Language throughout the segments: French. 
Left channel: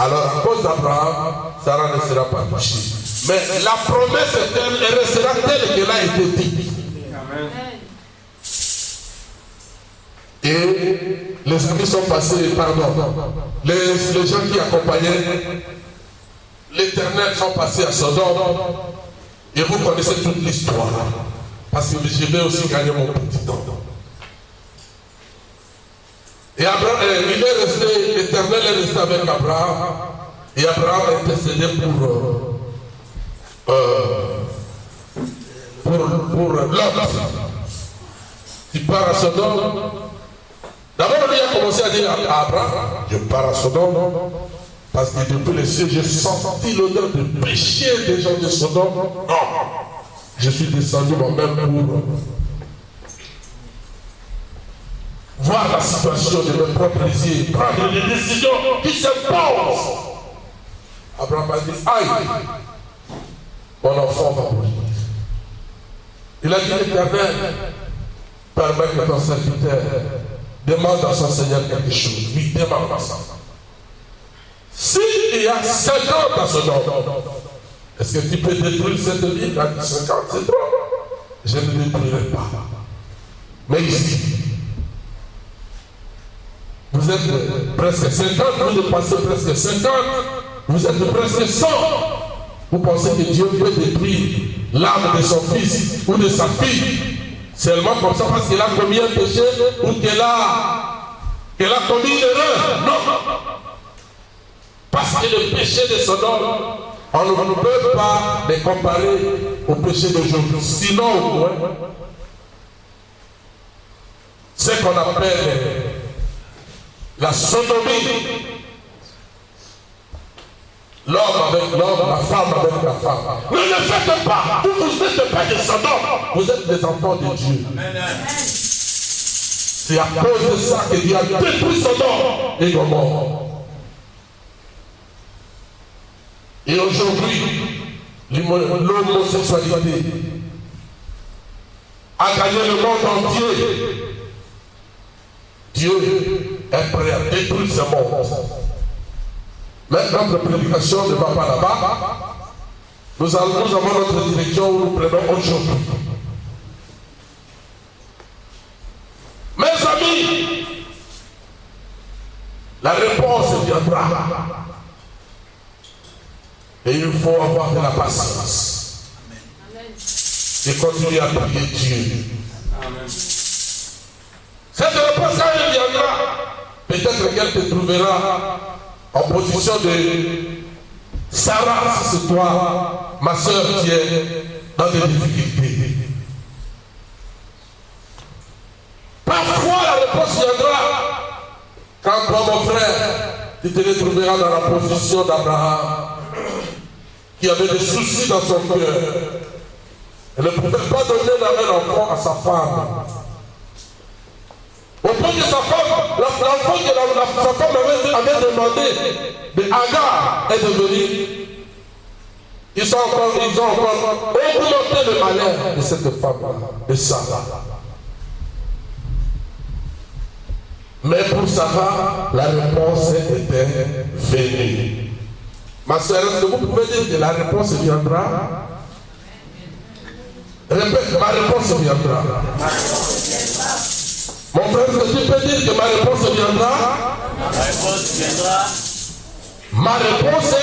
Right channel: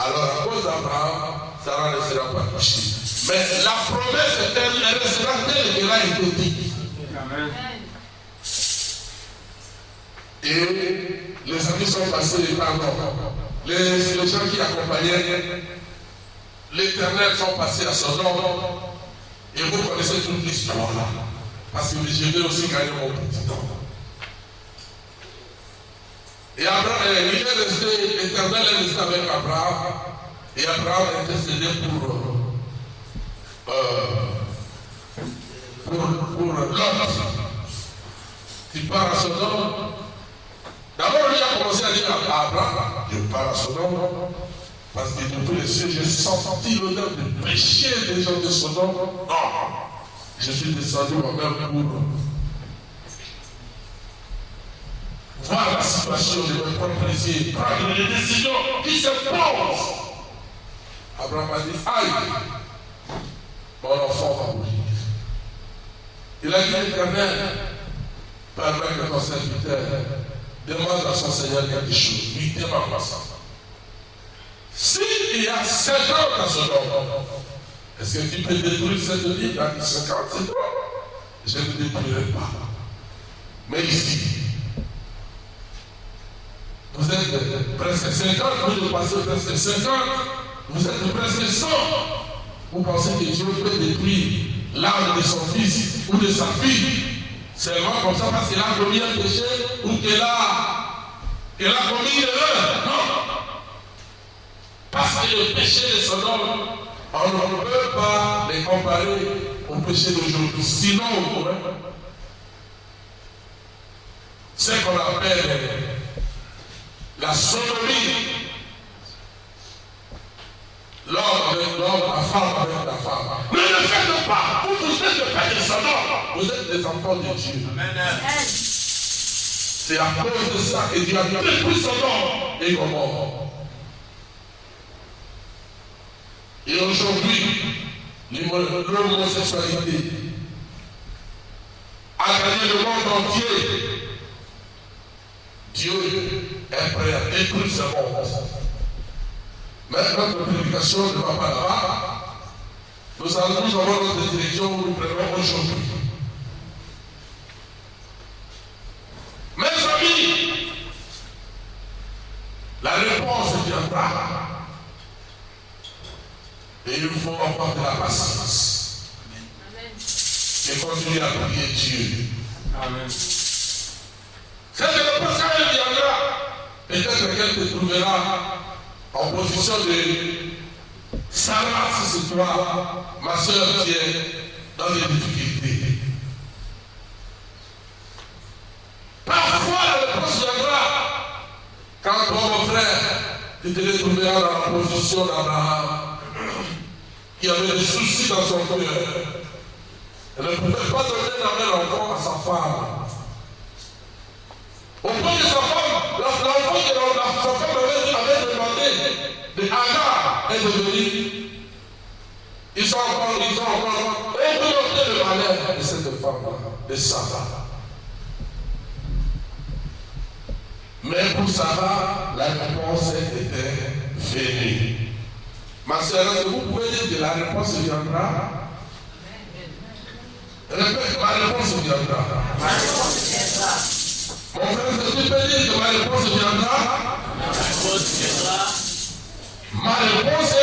Alors à cause d'Abraham, Sarah ne sera pas touchée. Mais la promesse elle restera telle qu'elle a été dite. Amen. Et les amis sont passés, pardon, les gens qui accompagnaient l'Éternel sont passés à Sodome. Et vous connaissez toute l'histoire. Parce que je vais aussi gagner mon petit temps. Et Abraham, il est resté, l'Éternel est resté avec Abraham. Et Abraham a intercédé pour Lot. Il part à Sodome. D'abord, lui a commencé à dire à Abraham, je pars à Sodome. Parce que de tous les cieux, j'ai senti l'odeur de péché des gens de Sodome. Non, je suis descendu moi-même pour voir la situation de mes propres yeux, prendre les décisions qui s'imposent. Abraham a dit, aïe, mon enfant va mourir. Il a dit, l'Éternel, permets que ton serviteur demande à son Seigneur quelque chose. Lui demande à ça. S'il y a 50 à Sodome, est-ce que tu peux détruire cette ville? Il a dit 50, c'est trop. Je ne détruirai pas. Mais ici, vous êtes presque 50, vous dépassez presque 50, vous êtes presque 100. Vous pensez que Dieu peut détruire l'âme de son fils ou de sa fille seulement comme ça parce qu'il a commis un péché ou qu'elle a commis une erreur? Non. Parce que le péché de Sodome, on ne peut pas les comparer au péché d'aujourd'hui. Sinon, au moins, ce qu'on appelle la sodomie, l'homme avec l'homme, la femme avec la femme. Ne le faites pas. Vous n'êtes pas des Sodome. Vous êtes des enfants de Dieu. C'est à cause de ça que Dieu a détruit Sodome et Gomorrhe. Et aujourd'hui, l'homosexualité a gagné le monde entier. Dieu est prêt à détruire ce monde. Mais notre prédication ne va pas là-bas. Nous avons notre direction où nous prenons aujourd'hui. Mes amis, la réponse viendra. Et il faut avoir de la patience. Amen. Et continuer à prier Dieu. Amen. Cette réponse, elle viendra. Peut-être qu'elle te trouvera en position de Sarah, si c'est toi, ma soeur, qui est dans des difficultés. Parfois, la réponse viendra quand toi, mon frère, tu te retrouveras dans la position d'Abraham, qui avait des soucis dans son cœur. Elle ne pouvait pas donner un enfant à sa femme. Au point que sa femme, l'enfant que sa femme avait demandé de Agar est devenu. Ils ont encore augmenté le malheur de cette femme-là, de Sarah. Mais pour Sarah, la réponse était venue. Ma soeur, est-ce que vous pouvez dire que la réponse viendra? Répète, ma réponse viendra. Mon frère, est-ce que tu peux dire que ma réponse viendra? Ma réponse viendra. Ma réponse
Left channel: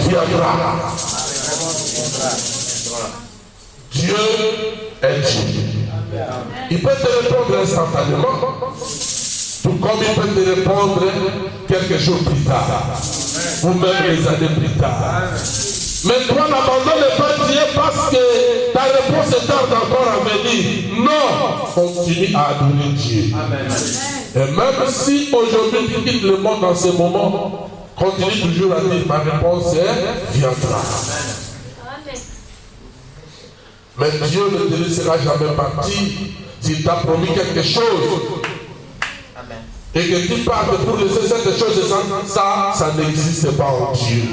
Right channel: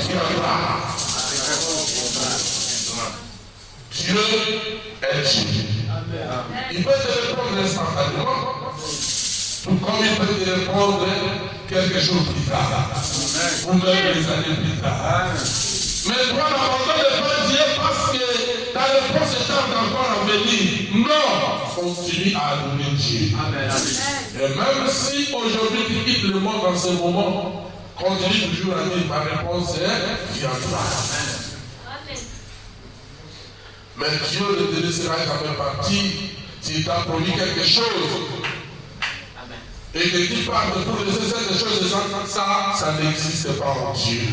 viendra. Dieu est Dieu. Il peut te répondre instantanément, tout comme il peut te répondre quelques jours plus tard, ou même des années plus tard. Mais toi, n'abandonne pas Dieu parce que ta réponse tarde encore à venir. Non, continue à adorer Dieu. Amen. Et même si aujourd'hui tu quittes le monde dans ce moment, continue toujours à dire ma réponse viendra. Mais Dieu ne te laissera jamais partir s'il t'a promis quelque chose. Et que tu partes pour laisser cette chose, ça n'existe pas en Dieu.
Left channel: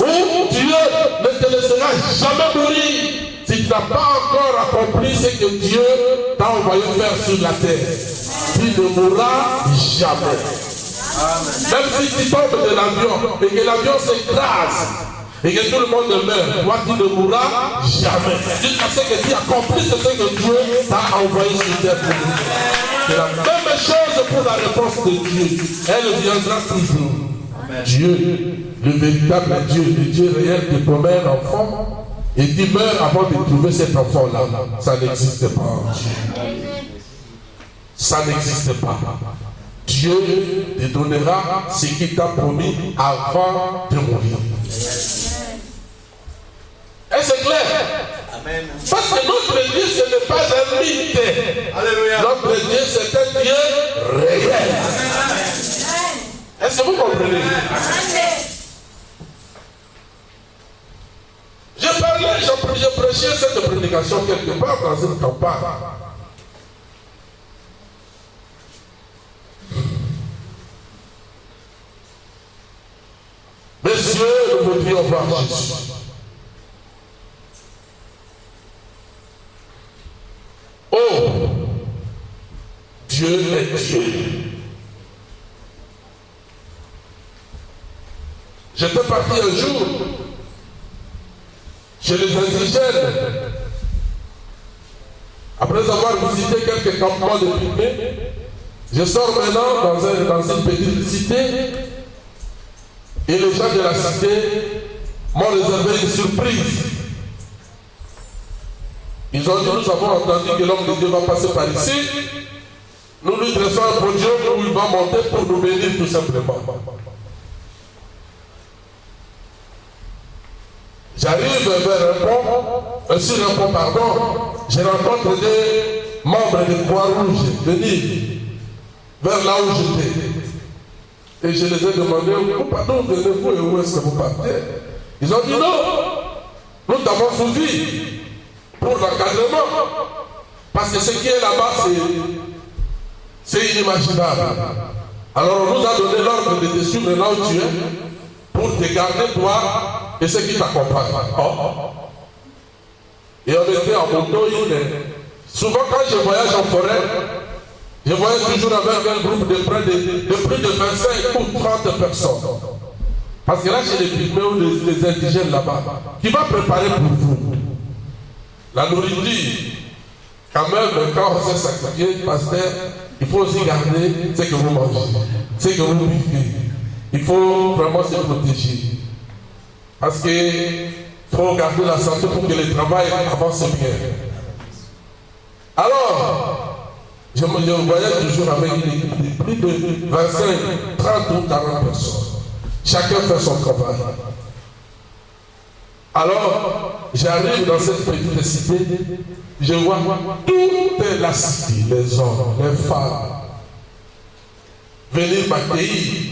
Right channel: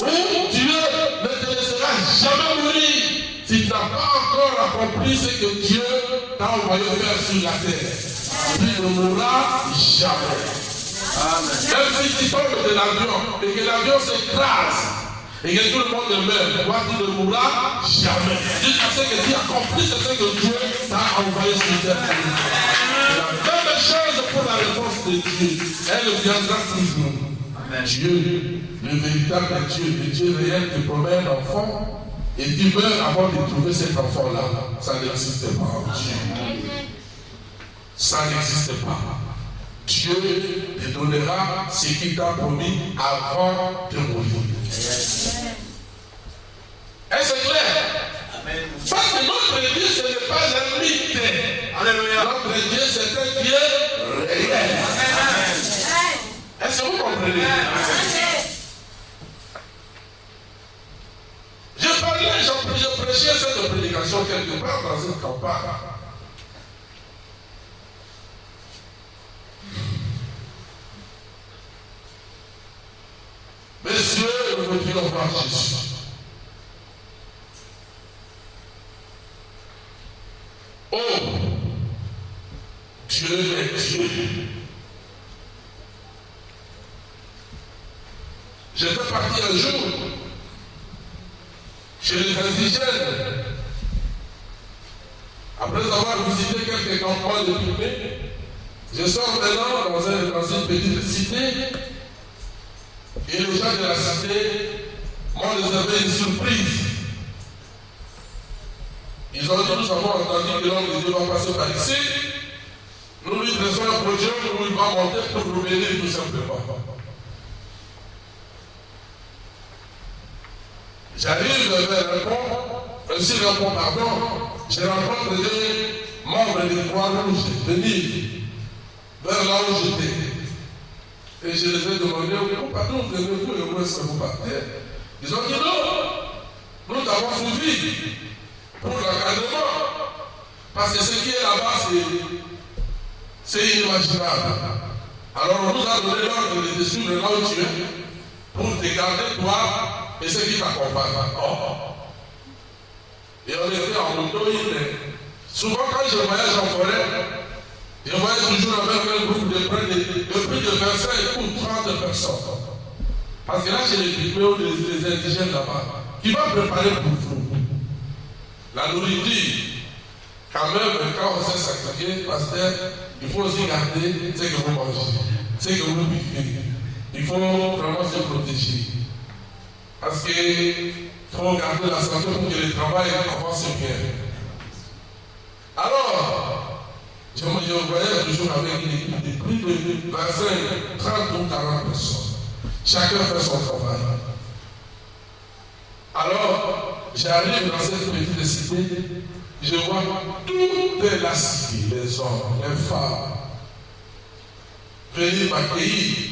Ou Dieu ne te laissera jamais mourir si tu n'as pas encore accompli ce que Dieu t'a envoyé faire sur la terre. Tu ne mourras jamais. Même si tu tombes de l'avion et que l'avion s'écrase et que tout le monde meurt, toi tu ne mourras jamais. Jusqu'à ce que tu accomplisses ce que Dieu t'a envoyé sur terre. C'est la même chose pour la réponse de Dieu. Elle viendra toujours. Dieu, le véritable Dieu, le Dieu réel qui promet un enfant et qui meurt avant de trouver cet enfant-là, ça n'existe pas en Dieu. Ça n'existe pas. Dieu te donnera ce qu'il t'a promis avant de mourir. Est-ce clair? Amen. Parce que notre Dieu, ce n'est pas un mythe. Alléluia. Notre Dieu, c'est un Dieu réel. Amen. Est-ce que vous comprenez? Amen. Je prêchais cette prédication quelque part dans une campagne. Messieurs, nous voudrions voir Jésus. Oh, Dieu est Dieu. J'étais parti un jour chez les indigènes. Après avoir visité quelques campements de pygmées, je sors maintenant dans une petite cité et les gens de la cité m'ont réservé une surprise. Ils ont dit, nous avons entendu que l'homme de Dieu va passer par ici. Nous lui dressons un podium où il va monter pour nous bénir tout simplement. J'arrive vers un pont, sur un pont, pardon, je rencontre des membres de Croix-Rouge venir vers là où j'étais. Et je les ai demandé, pardon, venez-vous et où est-ce que vous partez? Ils ont dit non, nous t'avons suivi pour l'encadrement. Parce que ce qui est là-bas, c'est inimaginable. Alors on nous a donné l'ordre de te suivre là où tu es pour te garder toi et ceux qui t'accompagnent. Oh. Et on était en moto. Souvent quand je voyage en forêt, je voyage toujours avec un groupe de plus de 25 ou 30 personnes. Parce que là, chez les pygmées ou les indigènes là-bas, qui va préparer pour vous la nourriture. Quand même, quand on s'est sacrifié, pasteur, il faut aussi garder ce que vous mangez, ce que vous vivez. Il faut vraiment se protéger. Parce qu'il faut garder la santé pour que le travail avance bien. Alors, je voyais toujours avec une équipe de plus de 25, 30 ou 40 personnes. Chacun fait son travail. Alors, j'arrive dans cette petite cité, je vois toute la cité, les hommes, les femmes, venir m'accueillir.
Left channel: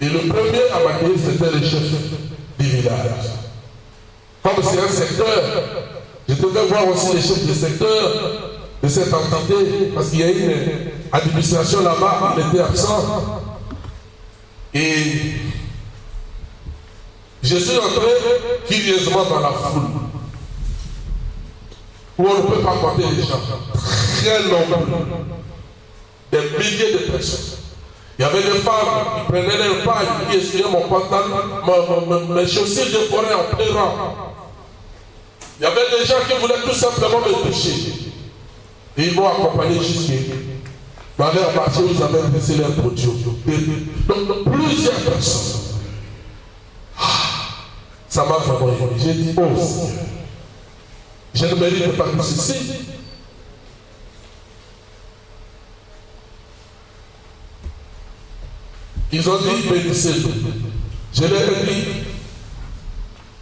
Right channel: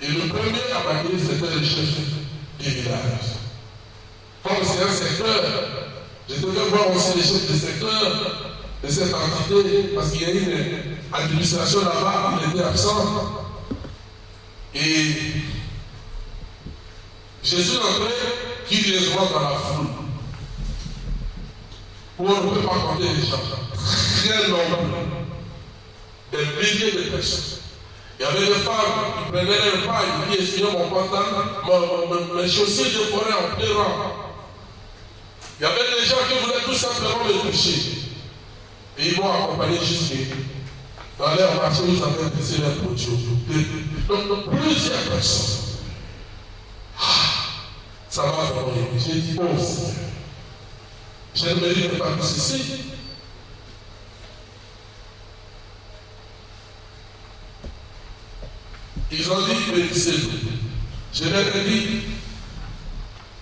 Et le premier à m'accueillir, c'était le chef du village. Comme c'est un secteur, je devais voir aussi les chefs du secteur de cette entité, parce qu'il y a une administration là-bas, il était absent. Et je suis entré curieusement dans la foule, où on ne peut pas compter les gens, très nombreux, des milliers de personnes. Il y avait des femmes qui prenaient leur paille, qui essuyaient mon pantalon, mes chaussures de forêt en pleurant. Il y avait des gens qui voulaient tout simplement me toucher. Et ils m'ont accompagné jusqu'à dans leur marché où ils avaient laissé leur produit. Donc plusieurs personnes. Ça m'a vraiment ému. J'ai dit, oh Seigneur, je ne mérite pas tout ceci. Ils ont dit, bénissez-nous. Je leur ai dit,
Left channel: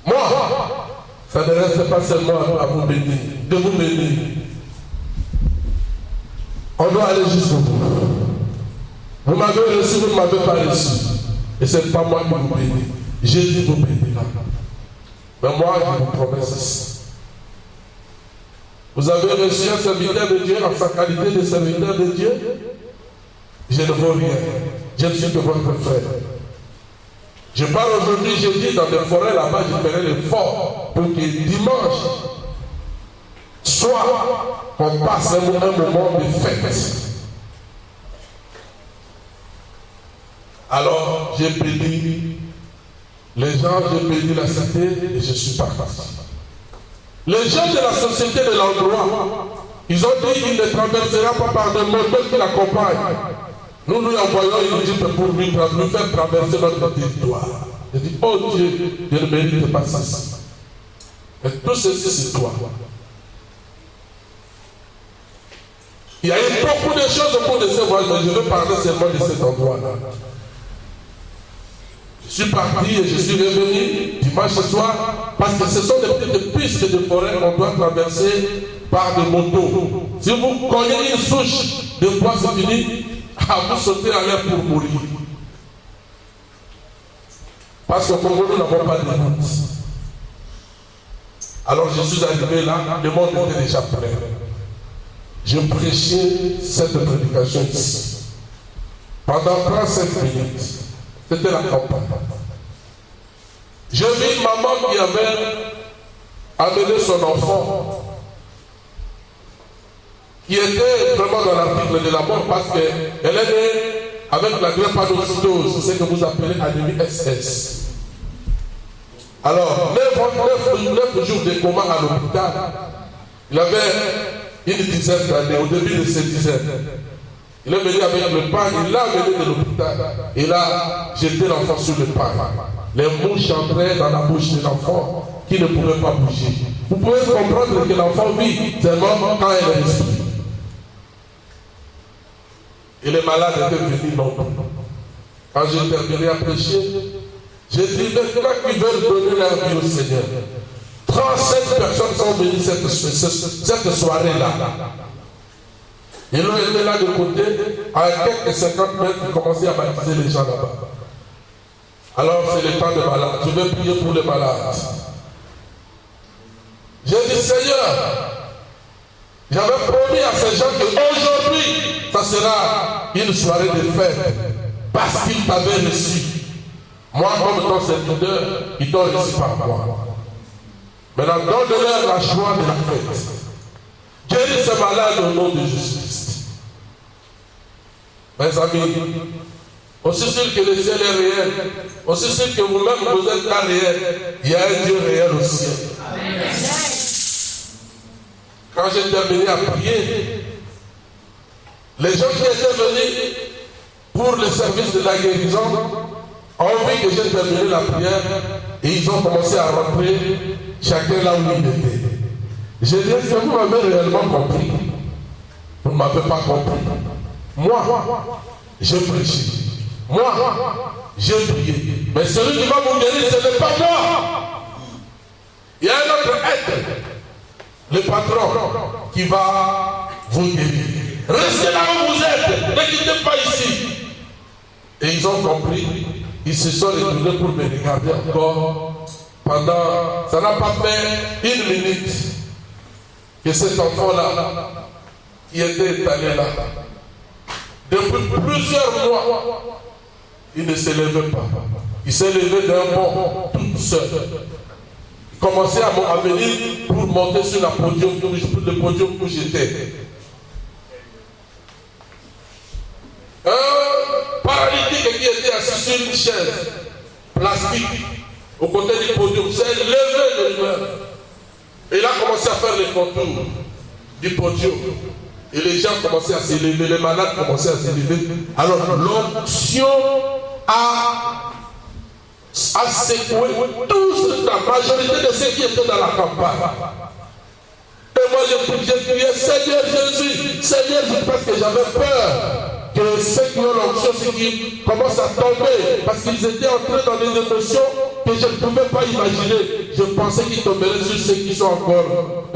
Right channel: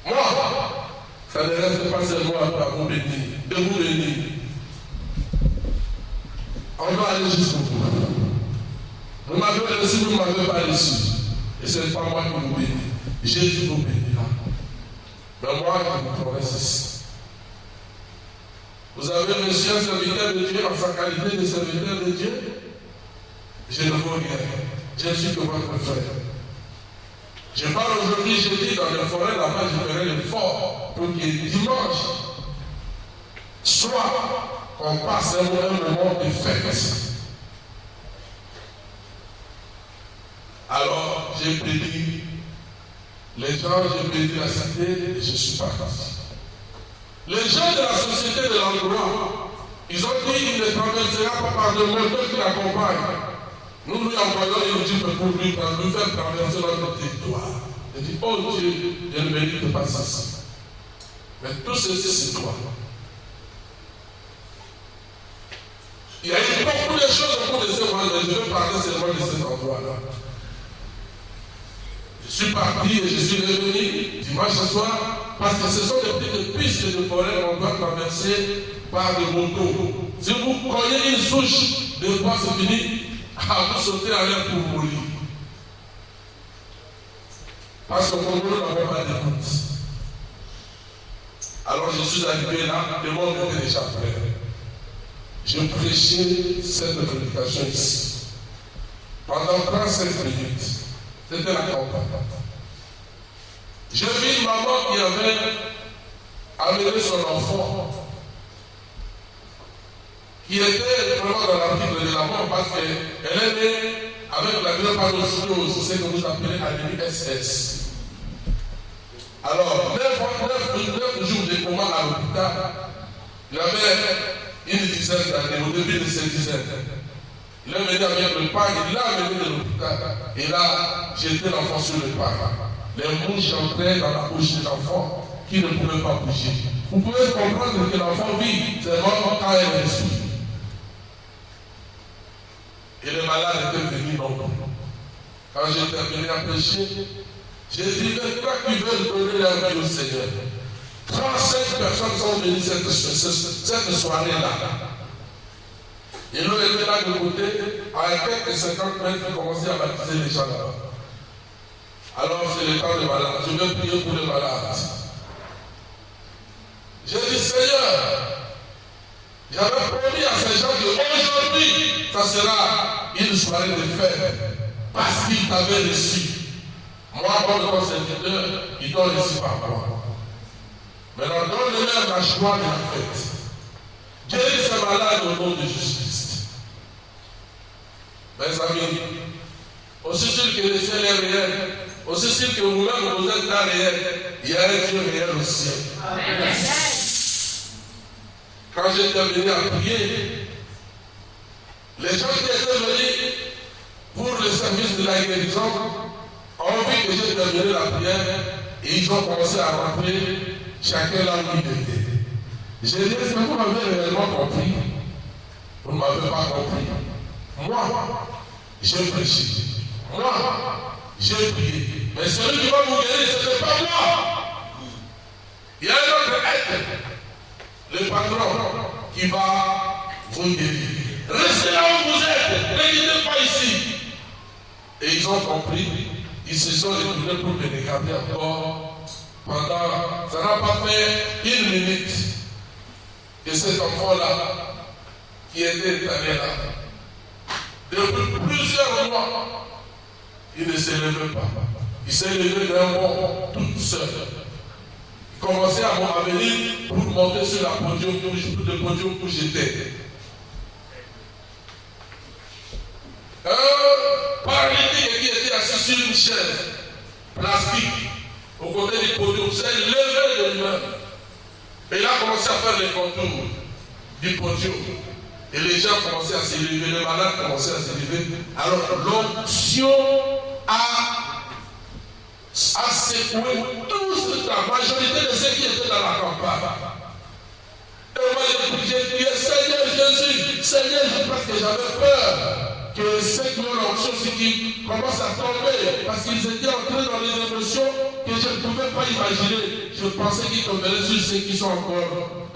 moi, ça ne reste pas seulement à vous bénir, de vous bénir. On doit aller jusqu'au bout. Vous m'avez reçu, vous ne m'avez pas reçu. Et ce n'est pas moi qui vous bénis. Jésus vous bénira. Mais moi, je vous promets ceci. Vous avez reçu un serviteur de Dieu en sa qualité de serviteur de Dieu. Je ne veux rien. Je ne suis que votre frère. Je pars aujourd'hui, j'ai dit, dans des forêts là-bas, je ferai l'effort pour que dimanche soit qu'on passe un moment de fête. Alors j'ai béni les gens, j'ai béni la cité et je suis parti. Les gens de la société de l'endroit, ils ont dit qu'il ne traversera pas par des montagnes qui l'accompagnent. Nous lui envoyons une équipe pour lui faire traverser notre territoire. Je dis, oh Dieu, je ne mérite pas ceci. Mais tout ceci, c'est toi. Il y a eu beaucoup de choses au cours de ce voyage, mais je vais parler seulement de cet endroit-là. Je suis parti et je suis revenu dimanche soir parce que ce sont des petites pistes de forêt qu'on doit traverser par des motos. Si vous cognez une souche de bois, c'est fini, vous sautez à l'air pour mourir. Parce qu'au Congo, nous n'avons pas de route. Alors je suis arrivé là, le monde était déjà prêt. Je prêchais cette prédication ici. Pendant 35 minutes, c'était la campagne. J'ai vu une maman qui avait amené son enfant, qui était vraiment dans l'article de la mort parce qu'elle est née avec la drépanocytose, c'est ce que vous appelez anémie SS. Alors, 9 jours de coma à l'hôpital, il avait une dizaine d'années, au début de ses dizaines. Il est venu avec le pain, il l'a amené de l'hôpital. Et là, jeté l'enfant sur le pain. Les mouches entraient dans la bouche de l'enfant qui ne pouvait pas bouger. Vous pouvez comprendre que l'enfant vit seulement quand elle respire. Et les malades étaient venus nombreux. Quand j'ai terminé à prêcher, j'ai dit maintenant qu'ils veulent donner leur vie au Seigneur. 35 personnes sont venues cette soirée-là. Ils ont été là de côté, à quelques 50 mètres, ils commençaient à baptiser les gens là-bas. Alors c'est le temps des malades. Je vais prier pour les malades. J'ai dit, Seigneur, j'avais promis à ces gens qu'aujourd'hui, ça sera une soirée de fête, parce qu'ils t'avaient reçu. Moi, comme ton serviteur, ils t'ont reçu par moi. Maintenant, donne-leur la joie de la fête. Guéris ces malades au nom de Jésus-Christ. Mes amis, aussi sûr que le ciel est réel, aussi sûr que vous-même vous êtes là réel, il y a un Dieu réel au ciel. Amen. Quand j'ai terminé à prier, les gens qui étaient venus pour le service de la guérison ont vu que j'ai terminé la prière et ils ont commencé à rentrer chacun là où il était. J'ai dit, est-ce que vous m'avez réellement compris? Vous ne m'avez pas compris. Moi, j'ai prêché. Moi, j'ai prié. Mais celui qui va vous guérir, ce n'est pas moi. Il y a un autre être, le patron, qui va vous guérir. Restez là où vous êtes. Ne quittez pas ici. Et ils ont compris. Ils se sont retournés pour me regarder encore. Pendant, ça n'a pas fait une minute que cet enfant-là, qui était étalé là, depuis plusieurs mois, il ne se levait pas. Il s'est levé d'un bond, tout seul. Il commençait à venir pour monter sur le podium où j'étais. Un paralytique qui était assis sur une chaise plastique au côté du podium s'est levé de lui-même. Et il a commencé à faire les contours du podium. Et les gens commençaient à se lever, les malades commençaient à se lever. Alors l'onction a secoué tous, la majorité de ceux qui étaient dans la campagne. Et moi j'ai prié, Seigneur Jésus, Seigneur Jésus, parce que j'avais peur que ceux qui ont l'onction qui commencent à tomber, parce qu'ils étaient entrés dans des émotions que je ne pouvais pas imaginer. Je pensais qu'ils tomberaient sur ceux qui sont encore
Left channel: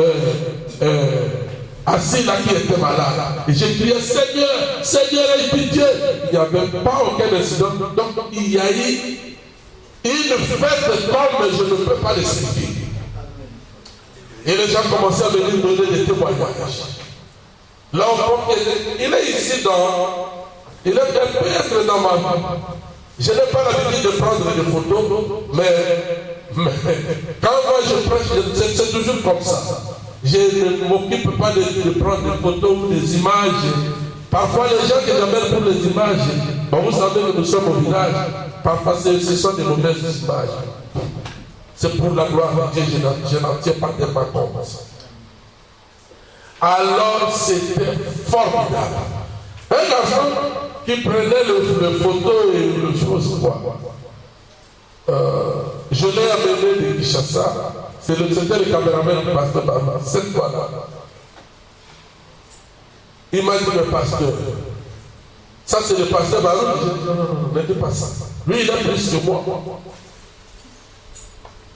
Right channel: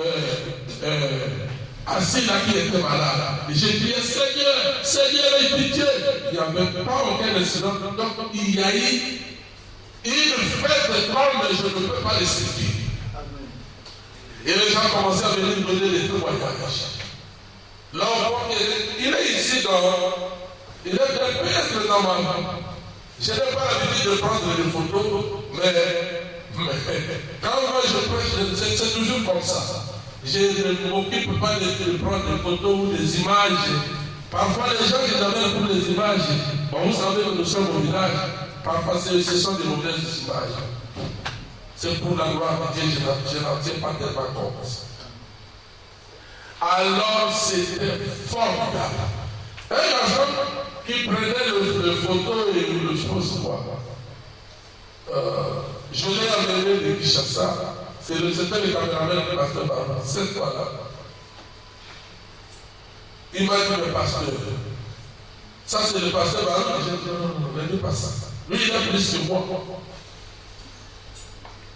assis là, qui étaient malades. Et j'ai crié, Seigneur, Seigneur, aie pitié. Il n'y avait pas aucun incident. Donc il y a eu une fête de temps, mais je ne peux pas l'expliquer. Et les gens commençaient à venir donner des témoignages. L'enfant, il est ici il est peut-être dans ma vie. Je n'ai pas l'habitude de prendre des photos, mais quand moi je prêche, c'est toujours comme ça. Je ne m'occupe pas de prendre des photos ou des images. Parfois les gens qui j'appelle pour les images, Bon, vous savez que nous sommes au village, parfois ce sont des mauvaises images. C'est pour la gloire de Dieu, je n'en tiens pas tellement compte. Alors c'était formidable. Un garçon qui prenait le photo et le chose quoi. Je l'ai amené de Kinshasa. C'était le caméraman du pasteur Bama, cette fois-là. Il m'a dit le pasteur. Ça c'est le pasteur Bama. Je dis non, ne dis pas ça. Lui il a plus que moi.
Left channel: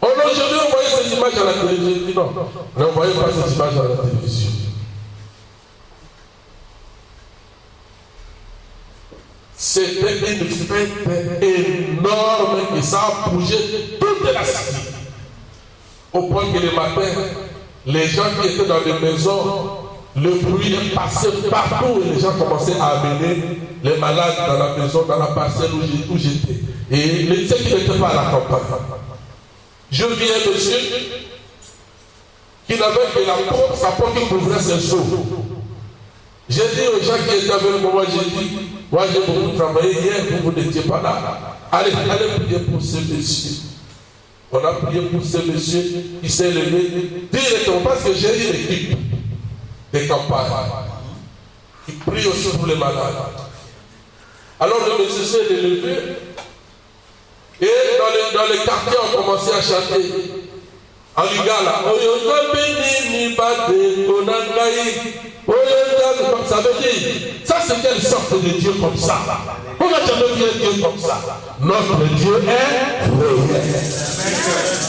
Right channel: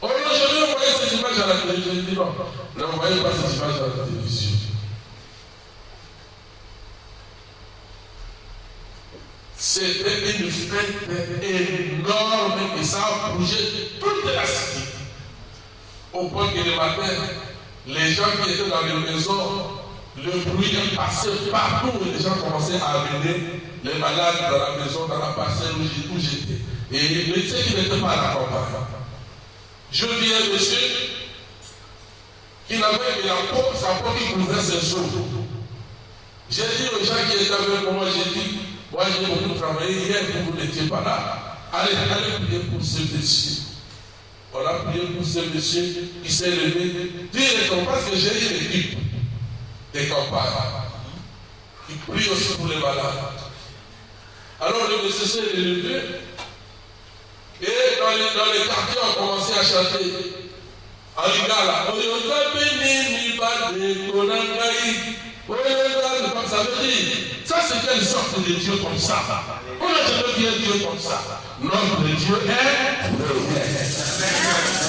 Oh non, je vais envoyer cette image à la télévision. Je dis non, n'envoyez pas cette image à la télévision. C'était une fête énorme et ça a bougé toute la cité. Au point que le matin, les gens qui étaient dans les maisons, le bruit est passé partout et les gens commençaient à amener les malades dans la maison, dans la parcelle où j'étais. Et ceux qui n'étaient pas à la campagne. Je vis un monsieur qui n'avait que sa peau qui couvrait ses seaux. J'ai dit aux gens qui étaient avec moi, j'ai dit, moi j'ai beaucoup travaillé hier, vous n'étiez pas là. Allez prier pour ce monsieur. On a prié pour ce monsieur, il s'est levé directement parce que j'ai une équipe de campagne qui prie aussi pour les malades. Alors le monsieur s'est levé et dans les quartiers on a commencé à chanter en lingala. Ça veut dire, ça c'est quelle sorte de Dieu comme ça? On n'a jamais vu un Dieu comme ça. Notre Dieu est réel.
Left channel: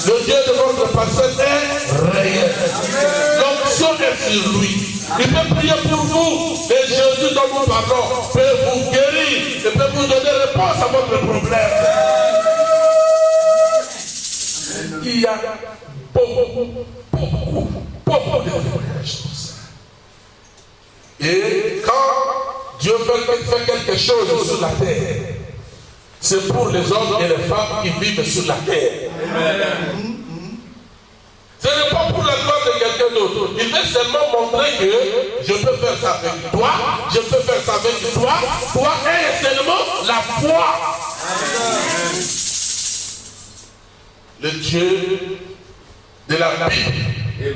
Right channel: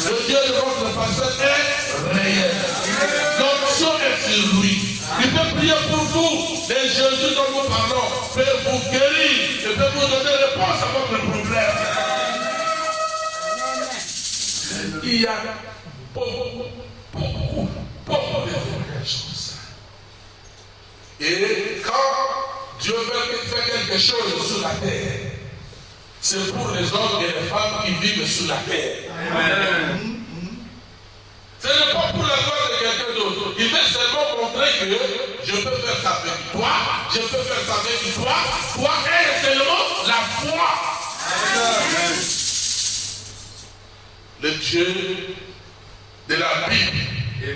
Le Dieu de votre pasteur est réel. L'onction est sur lui. Il peut prier pour vous. Et Jésus dont nous parlons peut vous guérir et peut vous donner réponse à votre problème. Il y a beaucoup de choses. Et quand Dieu fait quelque chose sur la terre, c'est pour les hommes et les femmes qui vivent sur la terre. Amen. Ce n'est pas pour la gloire de quelqu'un d'autre. Il veut seulement montrer que je peux faire ça avec toi, je peux faire ça avec toi. Toi est seulement la foi. Amen. Le Dieu de la Bible,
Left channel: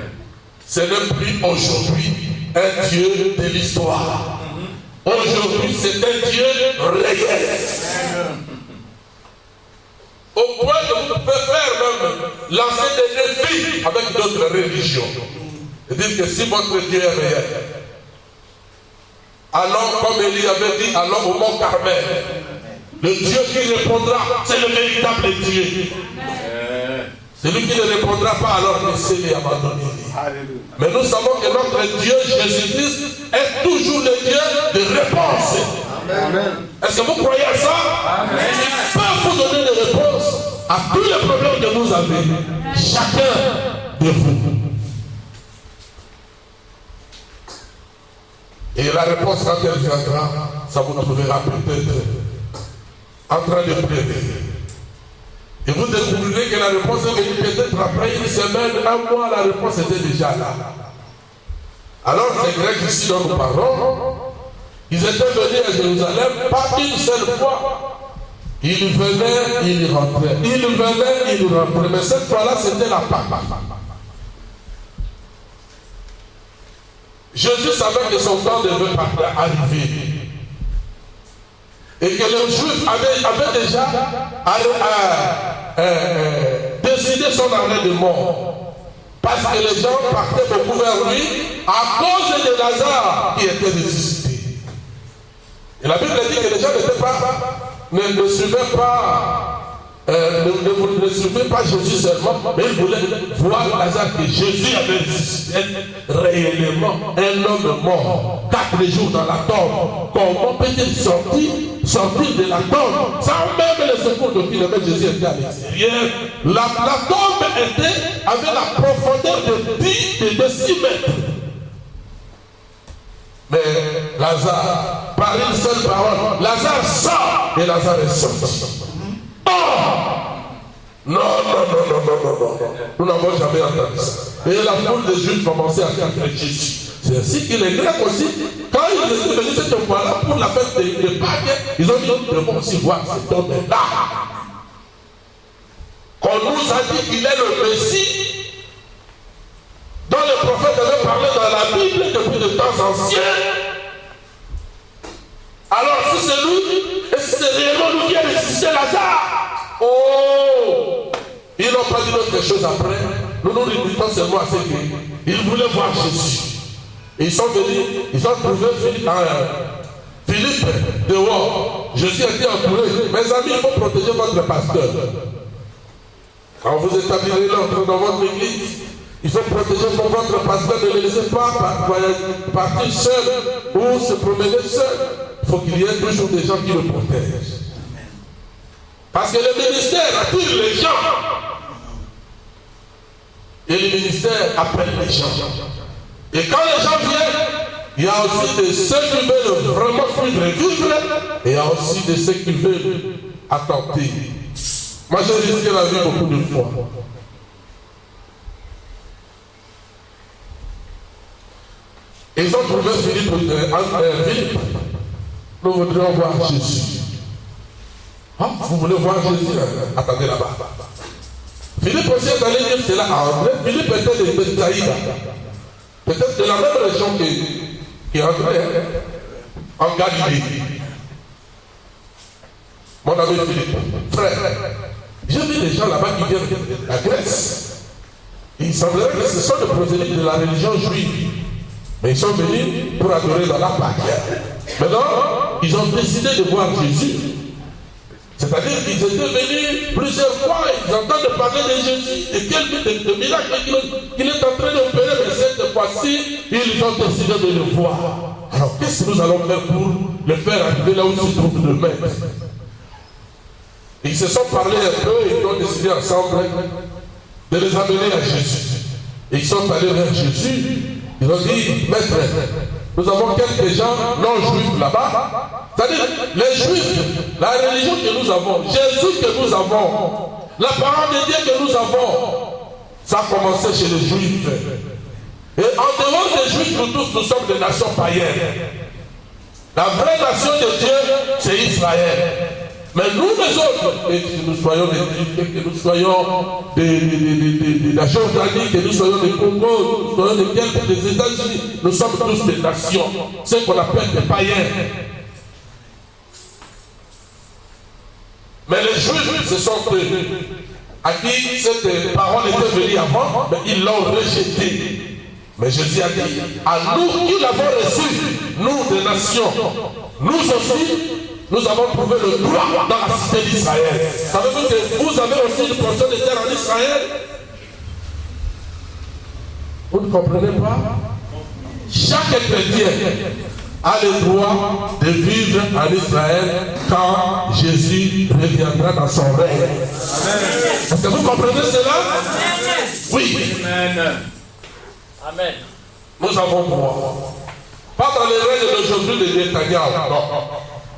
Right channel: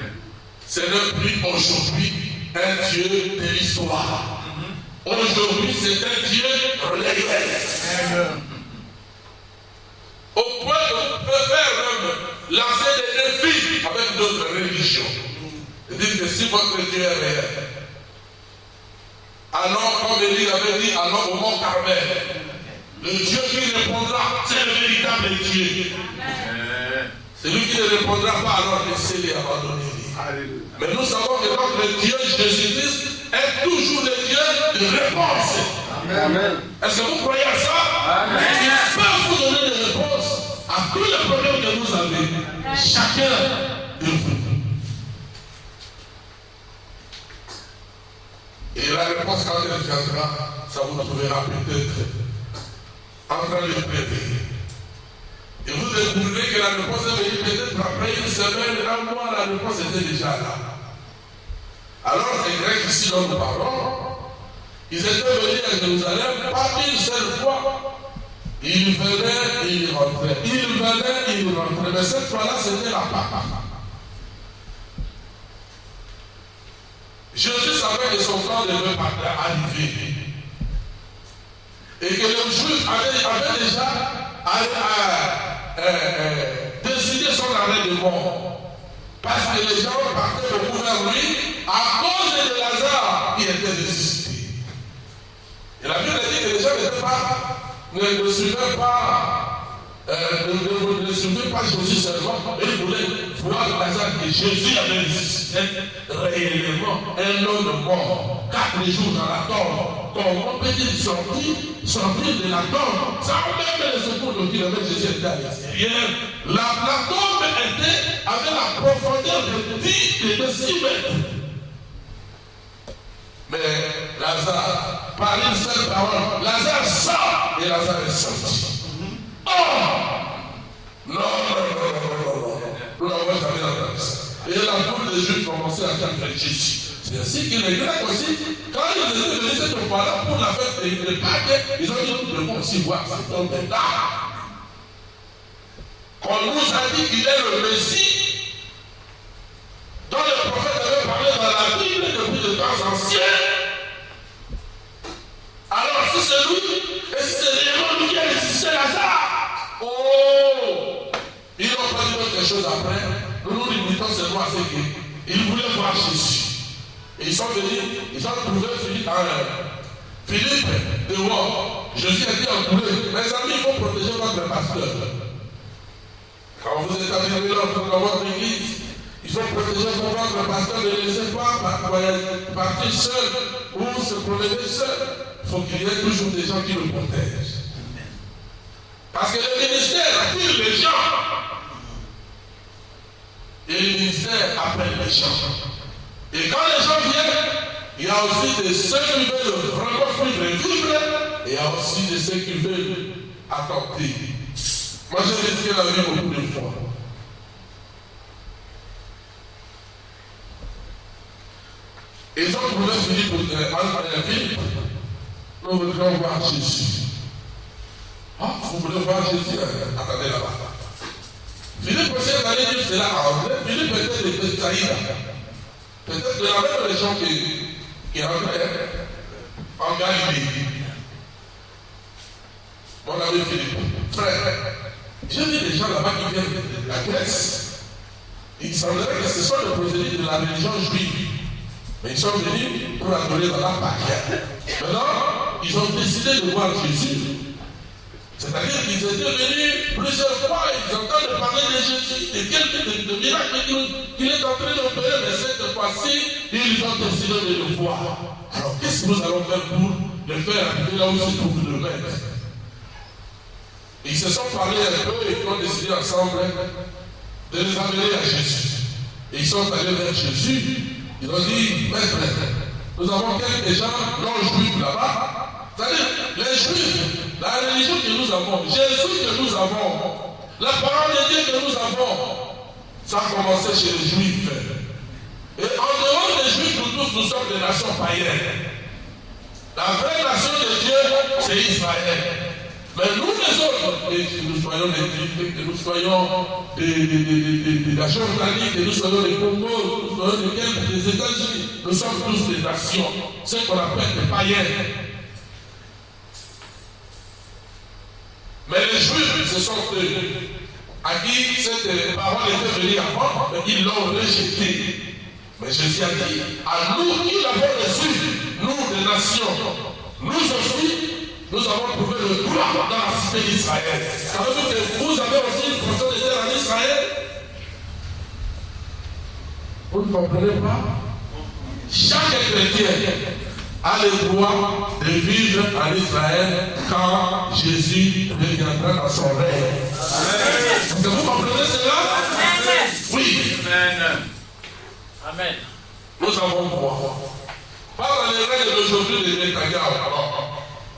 ce n'est plus aujourd'hui un Dieu de l'histoire. Aujourd'hui, c'est un Dieu réel. Amen. Au point que vous pouvez faire même lancer des défis avec d'autres religions. Et dire que si votre Dieu est réel, alors comme Élie avait dit, alors au mont Carmel, le Dieu qui répondra, c'est le véritable Dieu. Celui qui ne répondra pas, alors laissez-les abandonner. Mais nous savons que notre Dieu, Jésus-Christ, est toujours le Dieu de réponse. Amen. Est-ce que vous croyez à ça? Amen. Il peut vous donner des réponses à tous les problèmes que vous avez, chacun de vous. Et la réponse, quand elle viendra, ça vous trouvera peut-être en train de plaider. Et vous découvrirez que la réponse est venue peut-être après une semaine, un mois, la réponse était déjà là. Alors ces Grecs ici dont nous parlons, ils étaient venus à Jérusalem, pas une seule fois. Ils venaient, ils rentraient. Ils venaient, ils rentraient. Mais cette fois-là, c'était la Pâque. Jésus savait que son temps devait arriver. Et que les Juifs avaient déjà décidé son arrêt de mort. Parce que les gens partaient beaucoup vers lui à cause de Lazare qui était ressuscité. Et la Bible dit que les gens n'étaient pas, ne suivaient pas, ne suivaient pas Jésus seulement, mais ils voulaient voir Lazare que Jésus avait ressuscité réellement un homme mort, 4 jours dans la tombe. Comment peut-il sortir de la tombe sans même les secours de kilomètres? Jésus était à l'extérieur. La tombe avait la profondeur de 6 mètres. Mais Lazare, par une seule parole, Lazare sort et Lazare est sorti. Oh! Non. Nous n'avons jamais entendu ça. Et la foule des Juifs commençait à faire Jésus. C'est ainsi que les Grecs aussi quand ils étaient venus cette fois-là pour la fête de Pâques, ils ont dit nous devons aussi voir cet homme-là. Qu'on nous a dit qu'il est le Messie, dont le prophète avait parlé dans la Bible depuis de temps anciens. Alors si c'est lui, et si c'est réellement lui qui a ressuscité Lazare, oh, ils n'ont pas dit d'autre chose après. Nous nous limitons seulement à ce qu'ils voulaient voir Jésus. Et ils sont venus, ils ont trouvé Philippe dehors. Jésus a dit entouré, mes amis, il faut protéger votre pasteur. Quand vous établirez l'entrée dans votre église, il faut protéger votre pasteur, ne le laissez pas partir seul ou se promener seul. Il faut qu'il y ait toujours des gens qui le protègent. Parce que le ministère attire les gens. Et le ministère appelle les gens. Et quand les gens viennent, il y a aussi de ceux qui veulent vraiment suivre et vivre, et il y a aussi de ceux qui veulent attenter. Moi, j'ai risqué la vie beaucoup de fois. Et ils ont trouvé Philippe. Nous voudrions voir Jésus. Ah, vous voulez voir Jésus? Attendez là-bas. Philippe aussi est allé dire cela à André. Philippe était de Bethsaïda. Peut-être de la même région qui André, en Galilée. Mon ami Philippe, frère, j'ai vu des gens là-bas qui viennent de la Grèce. Il semblerait que ce sont les prosélytes de la religion juive. Mais ils sont venus pour adorer dans la Pâque. Maintenant, ils ont décidé de voir Jésus. C'est-à-dire qu'ils étaient venus plusieurs fois, ils entendent parler de Jésus, et quel miracle qu'il est en train d'opérer, mais cette fois-ci, ils ont décidé de le voir. Alors, qu'est-ce que nous allons faire pour le faire arriver là où se trouve le maître? Ils se sont parlé un peu et ils ont décidé ensemble de les amener à Jésus. Et ils sont allés vers Jésus. Ils ont dit, maître, nous avons quelques gens non-juifs là-bas. C'est-à-dire, les juifs, la religion que nous avons, Jésus que nous avons, la parole de Dieu que nous avons, ça a commencé chez les juifs. Et en dehors des juifs, nous tous, nous sommes des nations païennes. La vraie nation de Dieu, c'est Israël. Mais nous les autres, que nous soyons des Juifs, que nous soyons de la Jordanie, que nous soyons des Congo, que nous soyons des États-Unis, nous sommes tous des nations, ce qu'on appelle des païens. Mais les Juifs, ce sont eux à qui cette parole était venue avant, mais ils l'ont rejetée. Mais Jésus a dit, à nous qui l'avons reçu, nous des nations, nous aussi, nous avons trouvé le droit dans la cité d'Israël. Savez-vous que vous avez aussi une portion de terre en Israël? Vous ne comprenez pas? Chaque chrétien a le droit de vivre en Israël quand Jésus reviendra dans son règne. Est-ce que vous comprenez cela? Oui. Amen. Nous avons le droit. Pas dans le règne d'aujourd'hui de Netanyahu, non.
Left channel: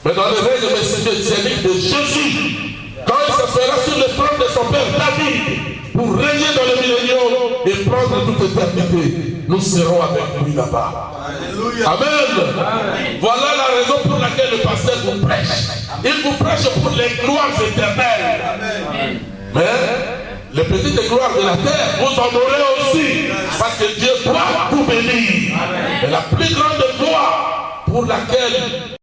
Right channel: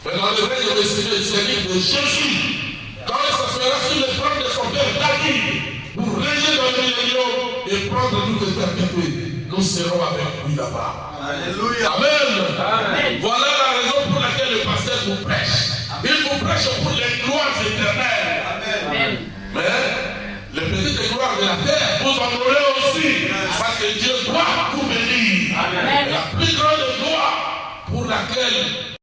Mais dans le règne messianique de Jésus, quand il s'asseyra sur le trône de son père David, pour régner dans le millénium et prendre toute éternité, nous serons avec lui là-bas. Alléluia. Amen. Voilà la raison pour laquelle le pasteur vous prêche. Il vous prêche pour les gloires éternelles. Amen. Mais les petites gloires de la terre, vous en aurez aussi. Parce que Dieu doit vous bénir. Mais la plus grande gloire pour laquelle